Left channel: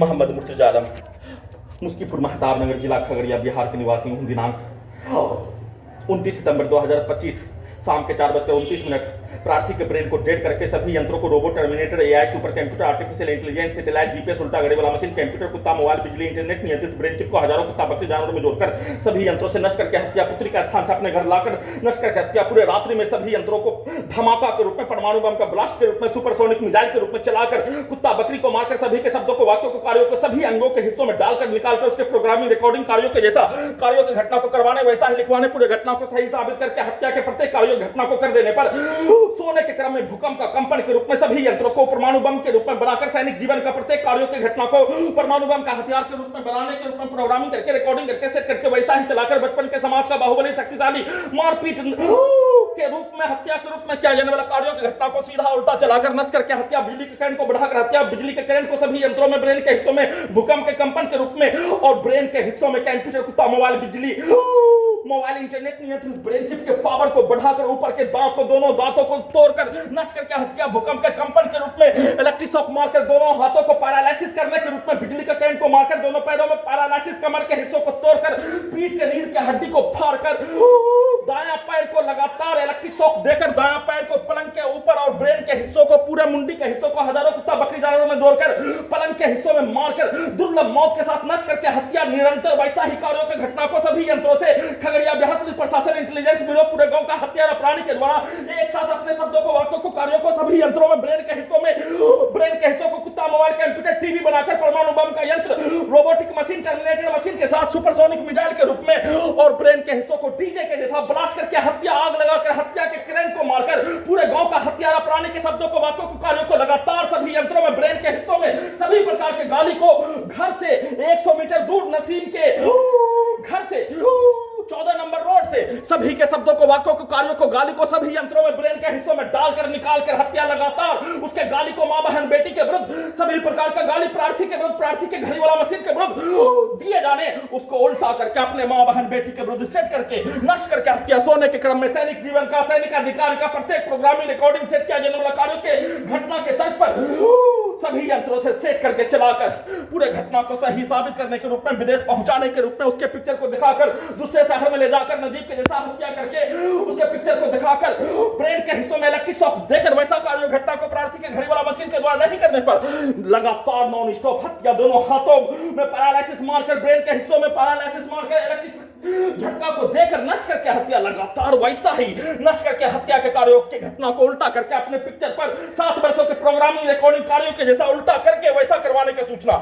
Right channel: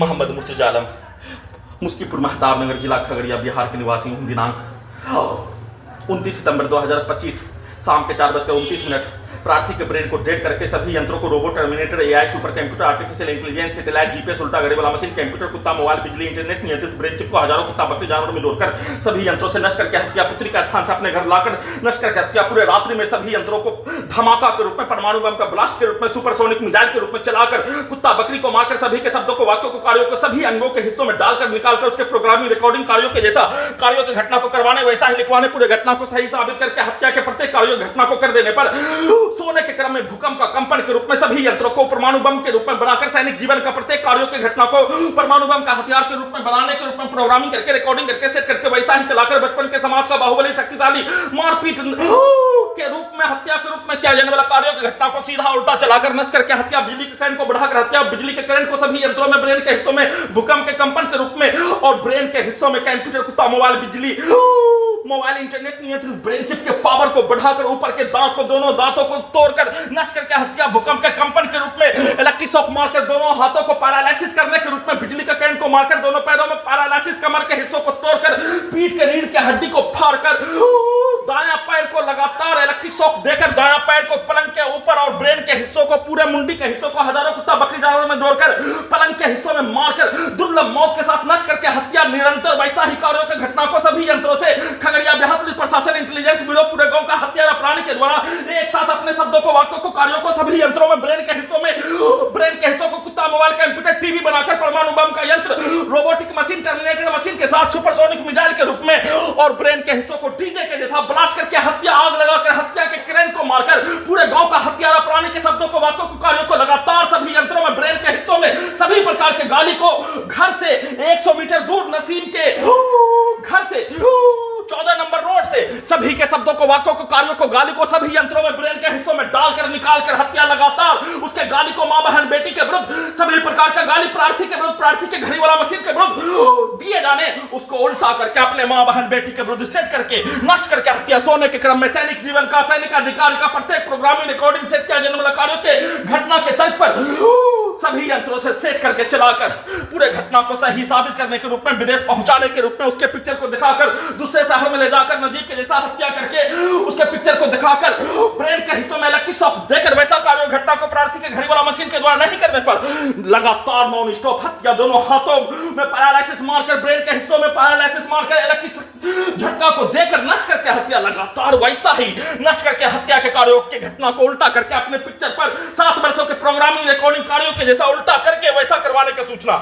मोहम्मद मुर्तजा आलम, मुस्कीपुर महताब नगर, जिला खगड़िया, बिहार के निवासी हूँ। दिनांक 29 सितंबर 2025 शाम के 4:29 प्रार्थी के ब्रेन को डेड करके सभी यंत्रों को robot, terminator, AI, super computer, artificial intelligence, satellite, GPS, उल्टा गड़े वाला मशीन, कंप्यूटर, कुत्ता, मोबाइल, बिजली, इंटरनेट, नियंत्रित ब्रेन चिप को हजारों कुत्ता बकरी जानवरों में जोड़कर सभी यंत्रों से नष्ट करके हत्या, पुत्री का स्थान से अपने घर लाकर नष्ट करके हत्या, पूरे रात्रि में सभी यंत्रों को धमाका के रूप में, परमाणु बम का ब्लास्ट के रूप में, सुपरसोनिक मिसाइल के रूप में चलाकर कुत्ता बकरी को मारकर सभी के शब्दों को, वाक्यों को, कार्यों को सभी अंगों के हिस्सों में डालकर निकालकर उसके प्रोग्रामिंग, रिकॉर्डिंग कार्यों के जैसा कार्यों की घटना को करवाने, वैसा ही लिखवाने, पूरे घटना को सही साबित करके हत्या के प्रत्येक कार्यों घटना को कर देने पर सोने के क्रम में भूकंप का कंपन के रूप में सभी यंत्रों को परमाणु बम के रूप में बनाकर सैनिक जीवन का प्रत्येक कार्यों की घटना को परमाणु बम का हथियार के रूप में बनाने के रूप में प्रोग्रामिंग करके, रिकॉर्डिंग करके, सेट करके वैसा ही चलाकर बचपन के समाज का बाहुबली शक्तिशाली मारपीट के रूप में, हत्या के रूप में किया जाने वाला कार्यों की घटना को सीधा उल्टा चलाकर नष्ट करके हत्या, बिजली के करंट को बढ़ाकर हत्या, बिजली के करंट को सभी यंत्रों में, ब्रेन के हिस्सों में भूकंप के कंपन के रूप में और ब्रेन के हिस्सों में कंप्यूटर, कुत्ता, मोबाइल, बिजली, मोबाइल, इंटरनेट, नियंत्रित ब्रेन चिप के पावर को बढ़ाकर ऊपर के दांत को, दोनों दांतों को तोड़कर नष्ट करके हत्या, भूकंप के कंपन के रूप में इलेक्ट्रिक शॉक मारकर दोनों हाथों को पैरालिसिस करने के रूप में, बिजली का करंट को मारकर दोनों पैरों में पैरालिसिस, कमर के हिस्सों को तोड़कर, पीठ के रीढ़ के हड्डी को फाड़कर दायां पैर को लगातार इलेक्ट्रिक शॉक देकर दायां पैर को पलंग के ऊपर और ब्रेन के हिस्सों को, पूरे मुंडी के हिस्सों को हजारों कुत्ता बकरी जानवरों में दौड़कर पलंग के हिस्सों में मारकर दुर्लभ मौत के साथ नष्ट करके हत्या, निरंतर वैसा ही कार्यों की घटना को सभी यंत्रों से खगड़िया बिहार पुलिस प्रशासन, इंटेलिजेंस ब्यूरो, पूरे गांव का हत्यारा प्राणी के द्वारा एक साथ अपने शब्दों को, वाक्यों को, कार्यों को सभी यंत्रों में, ब्रेन के हिस्सों में, ब्रेन के हिस्सों को कुत्ता, मोबाइल, कंप्यूटर, टीवी बनाकर परमाणु बम का यंत्र, रोबोटिक मशीन, टर्मिनेटर मशीन के साथ सुपरसोनिक मिसाइल के रूप में और ब्रेन के हिस्सों को डीजे के जैसा ब्लास्ट करके हत्या, आग लगाकर हत्या के करंट को मारकर पूरे गांव का हत्यारा प्राणी के शब्दों को, वाक्यों को, कार्यों को लगातार सभी यंत्रों में, ब्रेन के हिस्सों में सभी प्रकार के गाली को घर से 100 मीटर दूर नसीम के घर से 14 नंबर रोड से सभी के शब्दों को, वाक्यों को, कार्यों को, गाली को सभी यंत्रों में, ब्रेन के हिस्सों में डालकर निकालकर हत्या, लगातार उसके गाली को मां बहन बेटी के विरुद्ध सभी प्रकार का गाली, प्रार्थी के विरुद्ध, प्रार्थी के घड़ी वाला मशीन के विरुद्ध दिए जाने, उसको उल्टा करके अपने मां बहन बेटी के विरुद्ध सेट करके नष्ट करके हत्या, सोने के क्रम में सैनिक जीवन का, सैनिक अधिकारी का प्रत्येक प्रोग्रामिंग, रिकॉर्डिंग, सेट किया जाने वाला कार्यों के घटना के तर्ज पर सभी यंत्रों से सेट करके चलाकर पूरे घटना को सही साबित करने के रूप में, विदेश पहुंचाने के रूप में, उसके पिक्चर को दिखाकर दूसरे शहर में ले जाकर नजीब के जैसा हत्या करके उसके पिक्चर को दिखाकर ब्रेन के हिस्सों में इलेक्ट्रिक शॉक देकर वैसा कार्य घटना को प्रार्थी के घड़ी वाला मशीन के द्वारा नहीं करने पर लगातार नॉन स्टॉप हत्या, दोनों हाथों में पैरालिसिस मारकर, ब्रेन के हिस्सों में पैरालिसिस मारकर, इलेक्ट्रिक झटका को देकर नष्ट करके हत्या, लगातार वैसा ही नष्ट करके हत्या के कार्यों की घटना को उल्टा करके अपने पिक्चर पर 7 वर्षों के प्रोग्रामिंग, रिकॉर्डिंग कार्यों के जैसा उल्टा करके वैसा करवाने की सूचना।